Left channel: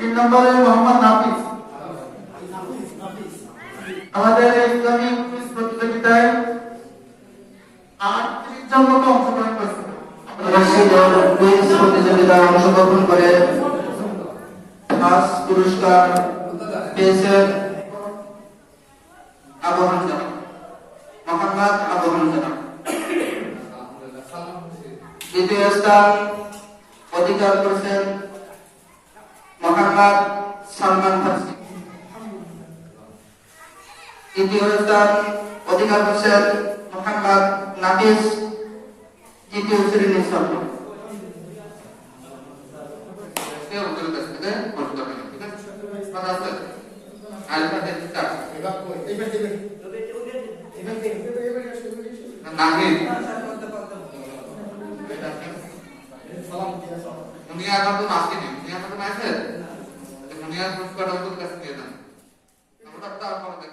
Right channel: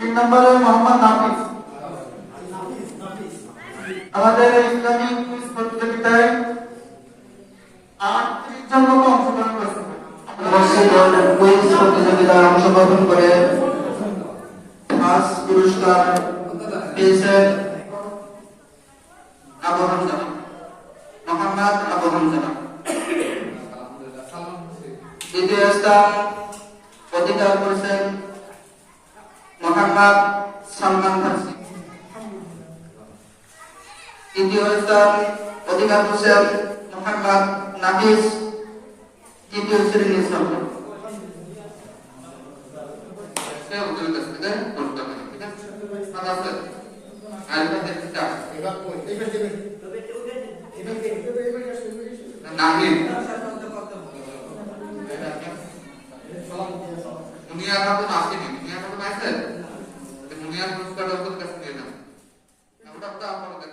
3 নম্বরে মোহাম্মদ নাফিস। আমাদের ইসলামী কুইজ প্রতিযোগিতায় 38 জন লোক অংশগ্রহণ করেছে। মসজিদের কুইজ প্রতিযোগিতায় অংশগ্রহণ করে ফার্স্ট পুরস্কার পেয়েছেন আবু হামজা, মোহাম্মদ আবু হামজা। দ্বিতীয় স্থান অধিকার করেছেন মোহাম্মদ সালমান ফার্সি। তৃতীয় স্থান অধিকার করেছেন মোহাম্মদ নাফিস, তৃতীয় শ্রেণীর ছাত্র। মুনিয়ার তো আসেনি, মুনিয়ার তো আসে, মুনিয়ার পুরস্কার ওদের কাছে নিয়ে যান। আমরা তো আপনাদের